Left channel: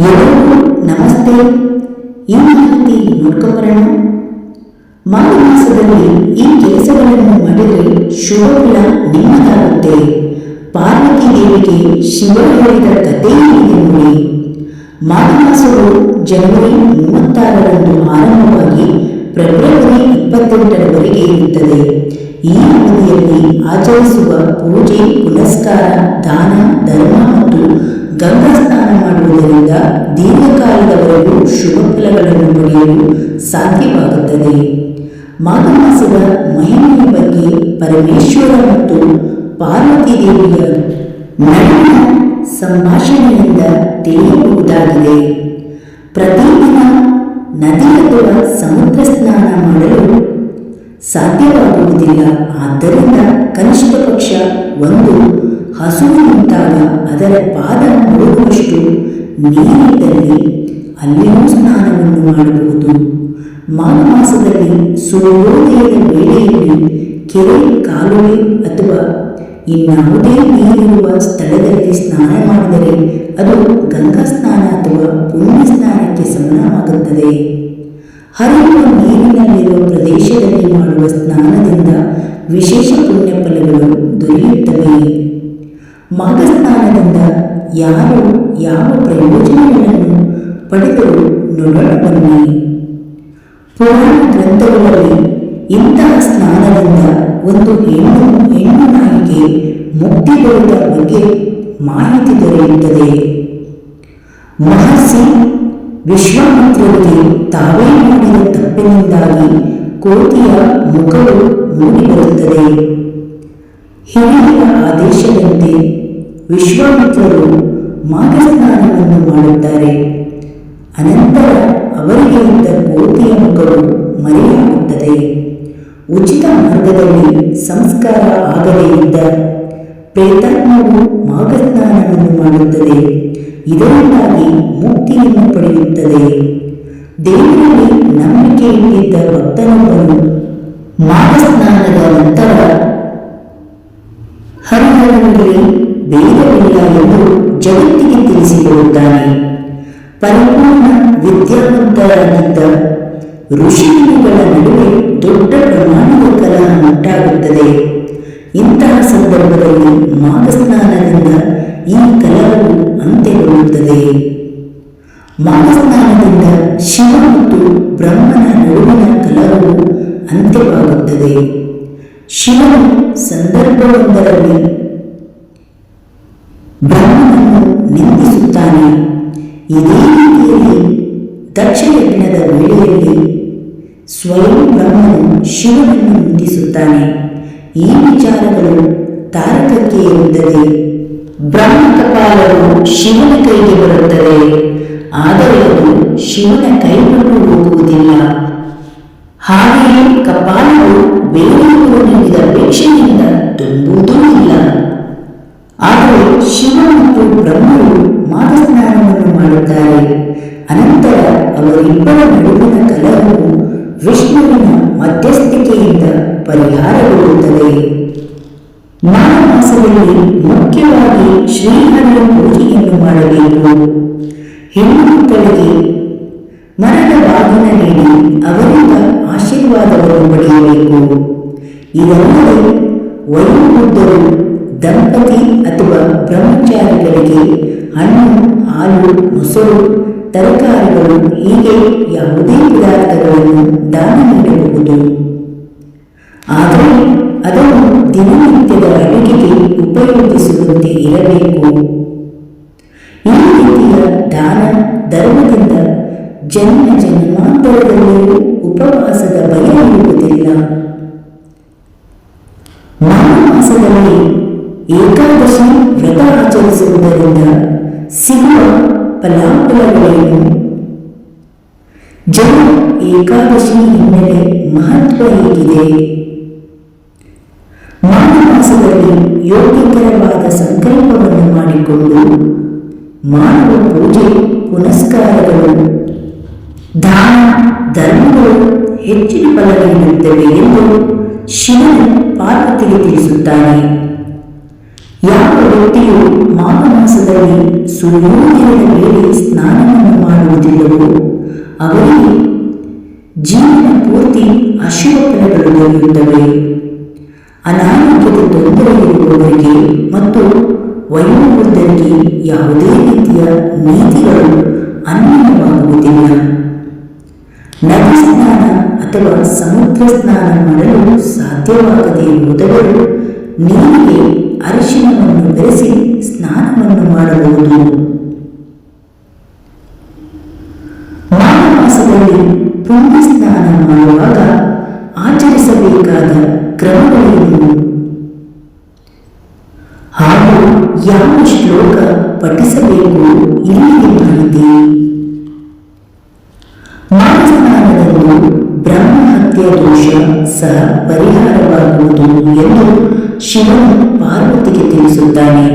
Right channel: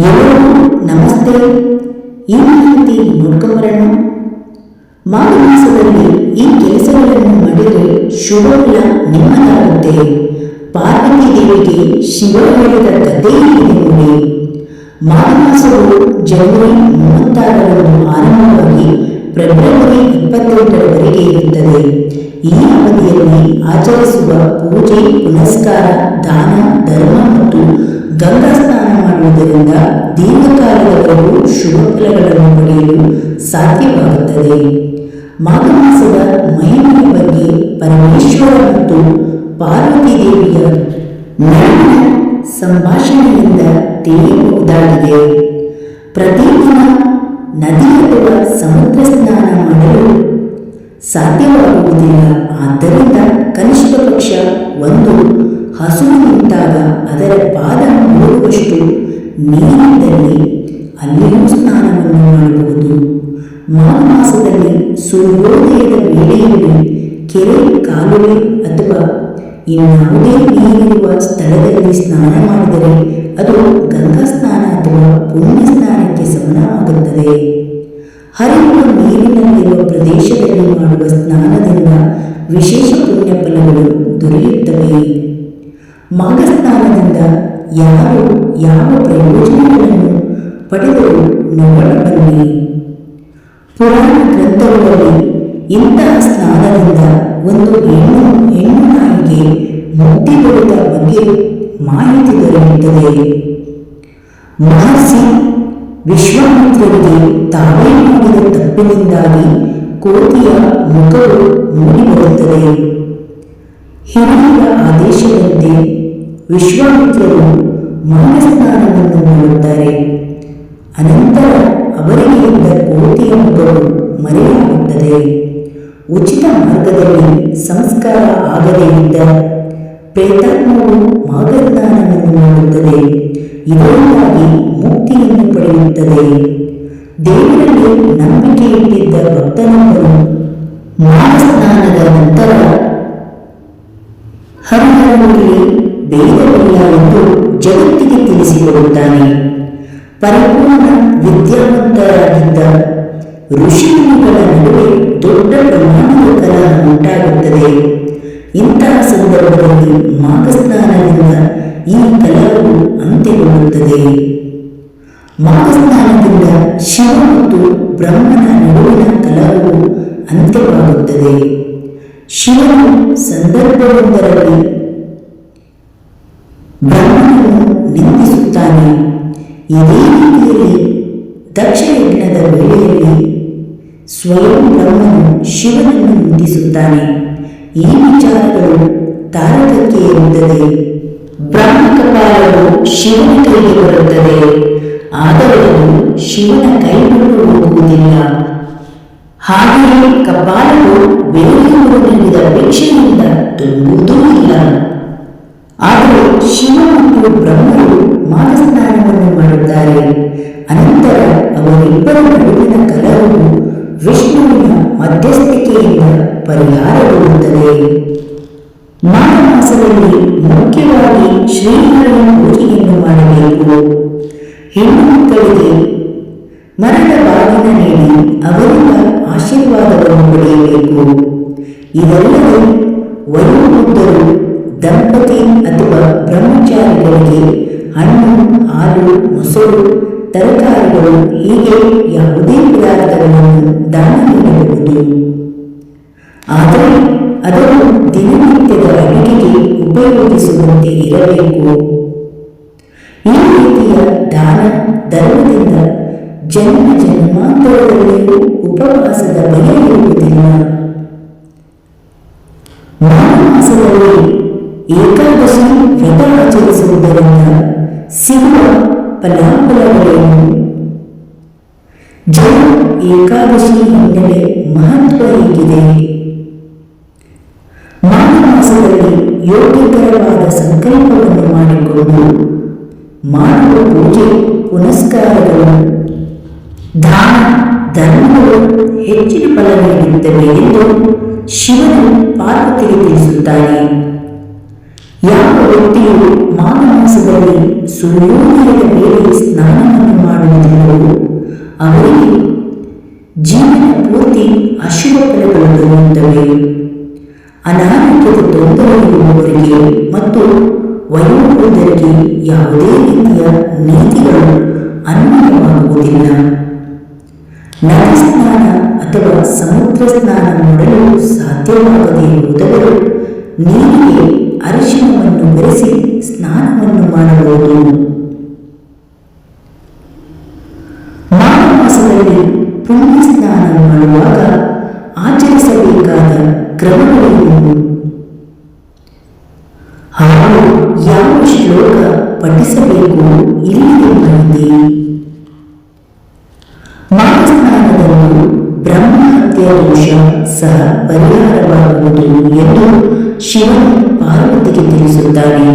ಎಲ್ಲರಿಗೂ ನಮಸ್ತೆ. ಈ ಮಾಹಿತಿ ನೋಡ್ಕೊಂಬರೋಣ. ಮಾಘ ಮಾಸದಲ್ಲಿ ಈ ಕೆಲಸಗಳನ್ನು ಮಾಡಿದರೆ ಶುಭ ಫಲ ನಿಮ್ಮದಾಗುತ್ತೆ. ಪಾರ್ವತಿ ದೇವಿಗೆ ಶಿವ ಹೇಳಿದ ಕಥೆ ಇದೆ ನೋಡಿ. ಮಾಘ ಮಾಸವು ಜನವರಿ ಮೂವತ್ತಾರರಂದು ಆರಂಭವಾಗಿ ಫೆಬ್ರವರಿ ಇಪ್ಪತ್ತೆಂಟರವರೆಗೆ ಇರುತ್ತದೆ. ಈ ಅವಧಿಯಲ್ಲಿ ಆಚರಿಸುವ ಪೂಜೆ, ಪುನಸ್ಕಾರ, ದಾನ, ಧರ್ಮ ಮತ್ತು ಗಂಗಾ ಸ್ನಾನ ಮಾಡುವುದರಿಂದ ದೀರ್ಘಕಾಲದವರೆಗೂ ಶುಭ ಫಲಗಳನ್ನು ಪಡೆಯಲು ಸಾಧ್ಯವಾಗುತ್ತದೆ. ಮಾಘ ಮಾಸದ ಮಹಿಮೆಯ ಬಗ್ಗೆ ಪರಮೇಶ್ವರ ಮತ್ತು ಪಾರ್ವತಿ ದೇವಿಯ ನಡುವಿನ ಸಂಭಾಷಣೆಯಿಂದ ತಿಳಿಯಬಹುದಾಗಿದೆ. ಪ್ರತಿದಿನ ನದಿ ಅಥವಾ ಸಮುದ್ರ ಸ್ನಾನ ಮಾಡಲು ಸಾಧ್ಯವಾಗುವುದಿಲ್ಲ. ಆದ್ದರಿಂದ ಕನಿಷ್ಠ ಪಕ್ಷ ಒಂದು ಹಸುವು ನಿಂತಾಗ ಅದರ ಪಾದ ನೋಡುವಷ್ಟು ನೀರಿದ್ದಲ್ಲಿ ಅಲ್ಲಿಯೂ ಸ್ನಾನವನ್ನು ಮಾಡಬಹುದು. ಮಾಘ ಮಾಸದಲ್ಲಿ ಸೂರ್ಯೋದಯದ ವೇಳೆಯಲ್ಲಿ ಕೆರೆ, ಕಾಲುವೆ ಅಥವಾ ಇನ್ನಾವುದೇ ನೀರಿರುವ ಸ್ಥಳದಲ್ಲಿ ಸ್ನಾನ ಮಾಡಿದರೆ ಅದು ಗಂಗಾ ಸ್ನಾನ ಅಥವಾ ಪುಣ್ಯ ಸ್ನಾನಕ್ಕೆ ಸಮನವಾಗುತ್ತದೆ ಹರಿಯುವ ನೀರಿನಲ್ಲಿರುವ ಪ್ರದೇಶದಲ್ಲಿ ಮಾಡುವ ಸ್ನಾನದಿಂದ ವಿಶೇಷ ಪುಣ್ಯ ಫಲಗಳು ದೊರೆಯುತ್ತವೆ. ಮಾಘ ಸ್ನಾನದಿಂದ ಯಾರು ಯಾವ ಪ್ರಯೋಜನಗಳನ್ನು ಪಡೆದರೂ ನೋಡೋಣ ಬನ್ನಿ. ಪುರಾಣ ಗ್ರಂಥಗಳಲ್ಲಿ ಇಂತಹ ಸ್ನಾನದಿಂದ ಒಂದು ಹೆಣ್ಣು ಹೆಣ್ಣು ನಾಯಿಗೆ ಮುಕ್ತಿ ದೊರೆತ ಬಗ್ಗೆ ಮಾಹಿತಿ ದೊರೆಯುತ್ತದೆ. ಮಹರ್ಷಿ ವಿಶ್ವಾಮಿತ್ರರಿಗೆ ತಾವೇ ಮಾಡಿದ ತಪ್ಪಿನಿಂದಾಗಿ ಕೋತಿಯ ಮುಖವು ಮೂಡಿಬರುತ್ತದೆ ಹಿರಿಯರ ಆದೇಶದಂತೆ ವಿಶ್ವಾಮಿತ್ರರು ಮಾಘ ಸ್ನಾನವನ್ನು ಮಾಡುತ್ತಾರೆ. ಅನಂತರ ಅವರಿಗೆ ಇದ್ದ ಕೋತಿಯ ಮುಖವು ಮರೆಯಾಗುತ್ತದೆ. ಉಚಿತ ಮಾರ್ಗದಲ್ಲಿ ಸಂಸ್ಕಾರ ಆಗದೇ ಇದ್ದ ಪ್ರೇತಾತ್ಮವು ಮಾಘ ಸ್ನಾನವನ್ನು ಮಾಡುತ್ತದೆ. ಇದರಿಂದಾಗಿ ಮುಕ್ತಿಯನ್ನು ಪಡೆಯುತ್ತದೆ. ದೇವರಲ್ಲಿ ನಂಬಿಕೆ ಇಟ್ಟಿದ್ದ ಭಕ್ತನೊಬ್ಬನು ಸ್ನಾನದ ನಂತರ ಹರಿಹರನಲ್ಲಿ ಭೇದವಿಲ್ಲ ಎಂದು ಜಗತ್ತಿಗೆ ತಿಳಿಸಿಕೊಡುತ್ತಾನೆ ಪರಿಪೂರ್ಣ ವಿದ್ಯಾವಂತರಾಗಿದ್ದ ಋಷಿಮುನಿಗಳ ನಡುವೆ ದೊಡ್ಡ ಪ್ರಮಾಣದ ಕಲಹ ಉಂಟಾಗುತ್ತದೆ ಇಂತಹ ಸಂದರ್ಭದಲ್ಲಿ ಮಾಘ ಸ್ನಾನದಿಂದ ಈ ಕಲಹವು ಅಂತ್ಯಗೊಳ್ಳುತ್ತದೆ. ಮಹಾಸ್ನಾನದಿಂದ ಶಿವ ಮತ್ತು ಬ್ರಹ್ಮನ ನಡುವಿನ ಕಲಹವು ಅಂತ್ಯವಾಗುತ್ತದೆ. ಶಿವನು ಸಂದರ್ಭವೊಂದರಲ್ಲಿ ಬ್ರಹ್ಮನನ್ನು ನಿಂದಿಸುತ್ತಾನೆ. ಇದೇ ರೀತಿಯಲ್ಲಿ ದಕ್ಷ ಯಜ್ಞದ ವೇಳೆಯಲ್ಲಿ ಸ್ವಯಂ ಬ್ರಹ್ಮನು ಶಿವನನ್ನು ನಿಂದಿಸುತ್ತಾನೆ. ಈ ವಿಚಾರಗಳು ತಾರಕಕ್ಕೆ ಇರುತ್ತದೆ. ಬ್ರಹ್ಮ ಕಪಾಲವು ಶಿವನ ಕೈಗೆ ಬರುತ್ತದೆ. ಆದರೆ ಅದು ಶಿವನ ಕೈಗೊಂಡು ಹೋಗುವುದಿಲ್ಲ. ಹಾಗೆಯೇ ಕಪಾಲವು ಬೇರೆಯವರು ನೀಡಿದ ಭಿಕ್ಷೆಯಿಂದ ತುಂಬುವುದೂ ಇಲ್ಲ. ಆದರೆ ಶಿವ ಮತ್ತು ಬ್ರಹ್ಮರು ಮಾಘ ಸ್ನಾನವನ್ನು ಮಾಡುತ್ತಾರೆ. ಅನಂತರ ಅವರಿಬ್ಬರ ನಡುವಿನ ಕಲಹವು ವಿಷ್ಣುವಿನ ಮಧ್ಯಸ್ಥಿಕೆಯಿಂದ ಪರಿಹಾರಗೊಳ್ಳುತ್ತದೆ. ಮಾಘ ಮಾಸದಲ್ಲಿ ಮುಖ್ಯವಾಗಿ ಶ್ರೀಹರಿಯ ಪೂಜೆಯನ್ನು ಮಾಡಬೇಕು. ಹೆಣ್ಣು ಮಕ್ಕಳಿಗೆ ಮರದ ಬಾಗಿನ ನೀಡಿ ಅವರಿಂದ ಆಶೀರ್ವಾದವನ್ನು ಪಡೆಯಬೇಕು. ಇದಲ್ಲದೆ ವಯೋವೃದ್ಧರು, ದಂಪತಿ ಅಥವಾ ಬ್ರಹ್ಮಚಾರಿಗಳಿಗೆ ಹಣ್ಣು, ಹಾಲು, ಮೊಸರು, ತರಕಾರಿಗಳು ಹೀಗೆ ಯಾವುದೇ ಪದಾರ್ಥಗಳನ್ನು ದಾನ ನೀಡಬಹುದು. ಆದರೆ ಅದನ್ನು ದಿನನಿತ್ಯದ ಅಡುಗೆಗೆ ಉಪಯೋಗಿಸುವಂತೆ ಇರಬೇಕು. ಈ ರೀತಿಯ ದಾನ ಧರ್ಮದಿಂದ ಜನ್ಮ ಜನ್ಮಾಂತರದಲ್ಲಿಯೂ ಉಪವಾಸದ ಭಯ ಇರುವುದಿಲ್ಲ. ಮಾಸದಲ್ಲಿ ಏಕಾದಶಿ ವ್ರತ ಆಚರಿಸುವುದರಿಂದ ಸಿಗುವ ಫಲಾಫಲಗಳೇನು? ಜನ ಏಕಾದಶಿ ಹಿನ್ನೆಲೆ ಮಹತ್ವ ಹೇಗಿದೆ? ಮಾಸದಲ್ಲಿ ಯೋಗ್ಯಕರವಾದ ಸಂಕಲ್ಪವನ್ನು ಮಾಡಿಕೊಂಡು ಮಾಡುವ ಪೂಜೆ, ಪುನಸ್ಕಾರಗಳು, ದಾನ, ಧರ್ಮಗಳು ಹೆಚ್ಚಿನ ಫಲ ನೀಡುತ್ತವೆ ಎಂದು ಶಿವನು ಪಾರ್ವತಿಗೆ ತಿಳಿಸುತ್ತಾನೆ. ಯಾವ ವ್ಯಕ್ತಿಯು ಮಾಘ ಮಾಸದಲ್ಲಿ ಸೂರ್ಯೋದಯದ ವೇಳೆ ಸ್ನಾನವನ್ನು ಮಾಡುವುದಿಲ್ಲವೋ, ಅವರಿಗೆ ಜೀವನ ಪೂರ್ತಿ ಅಶುಭ ಫಲಗಳು ದೊರೆಯುತ್ತವೆ. ಅನಾರೋಗ್ಯದ ತೊಂದರೆ ಇರುವವರಿಗೆ ಮತ್ತು ವಯೋವೃದ್ಧರಿಗೆ ಯಾವುದೇ ರೀತಿಯ ನೀತಿಗಳು ಅನ್ವಯವಾಗುವುದಿಲ್ಲ. ನದಿ ಸ್ನಾನ ಅಥವಾ ಸಮುದ್ರ ಸ್ನಾನ ಮಾಡಲು ಸಾಧ್ಯವಾಗದೇ ಇರುವುದವರು ನೀರಿಗೆ ಅರಿಶಿನವನ್ನು ಬೆರೆಸಿ ಸ್ನಾನವನ್ನು ಮಾಡಬಹುದು. ಮಾಘ ಮಾಸದಲ್ಲಿ ಪುಣ್ಯ ಸ್ನಾನ ಆಚರಿಸಬೇಕಾದ ಕ್ರಮಗಳೇನು ಹಾಗೂ ಯಾವ ಶ್ಲೋಕ ಪಠಿಸಬೇಕು ಇಲ್ಲಿಗೆ ಸ್ನಾನದಂದು ಬ್ರಹ್ಮ ಹತ್ಯಾ ದೋಷ ಸಹ ಪರಿಹಾರವಾಗುವುದು ಎಂದು ಶಿವನು ಪಾರ್ವತಿಗೆ ತಿಳಿಸುತ್ತಾನೆ.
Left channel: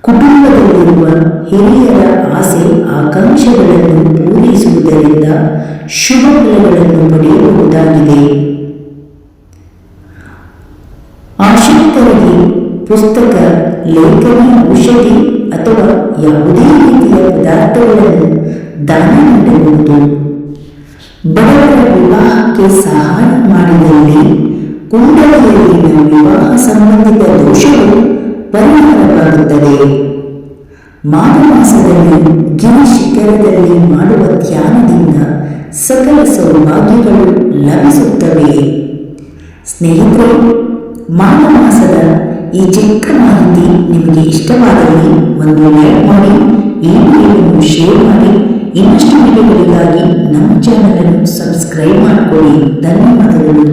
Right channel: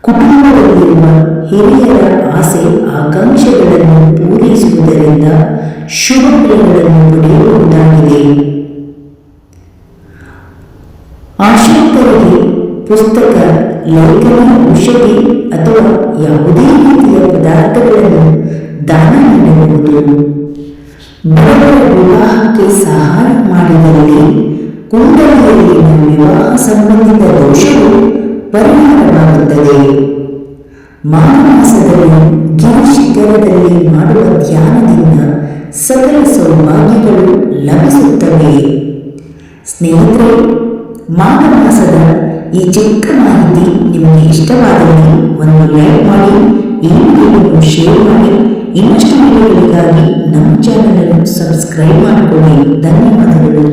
ಕುಟುಂಬದಲ್ಲಿರುವ ಹಿರಿಯರ ಆಸೆ ಆಕಾಂಕ್ಷೆಗಳನ್ನು ಪೂರೈಸುವುದರಿಂದ ಶುಭ ಫಲಗಳನ್ನು ಪಡೆಯಬಹುದಾಗಿದೆ. ಪುಸ್ತಕ, ಲೇಖನ, ಔಷಧಿ ಅಥವಾ ಯಾವುದೇ ರೀತಿಯ ಪದಾರ್ಥಗಳನ್ನು ದಾನ ನೀಡಬಹುದು ಬಡವರ ವಿವಾಹಕ್ಕೆ ಸಹಾಯ ಮಾಡಿದಲ್ಲಿ ಕುಂಡಲಿಯಲ್ಲಿನ ವಿವಾಹ ಸಂಬಂಧಿತ ದೋಷವು ಪರಿಹಾರವಾಗುತ್ತದೆ. ಮಾಘ ಮಾಸದಲ್ಲಿ ಗಿರಿ ಶಿಖರದಲ್ಲಿ ಮಾಡುವ ಧ್ಯಾನದಿಂದ ಸಕಲ ಸೌಭಾಗ್ಯಗಳು ಲಭಿಸುತ್ತವೆ. ಸ್ನೇಹಿತರೆ ಮಾಘ ಈ ಚಿಕ್ಕ ಮಾಹಿತಿ ನಿಮಗೆ ಇಷ್ಟವಾದಲ್ಲಿ ಒಂದು ಲೈಕ್ ಮಾಡಿ, ಈ ವಿಡಿಯೋವನ್ನು ಶೇರ್ ಮಾಡಿ, ಇನ್ನಷ್ಟು ವಿಡಿಯೋಗಳಿಗಾಗಿ ನಮ್ಮ ಚಾನಲನ್ನು ಸಬ್ಸ್ಕ್ರೈಬ್ ಮಾಡಿಕೊಳ್ಳಿ. ಧನ್ಯವಾದಗಳು.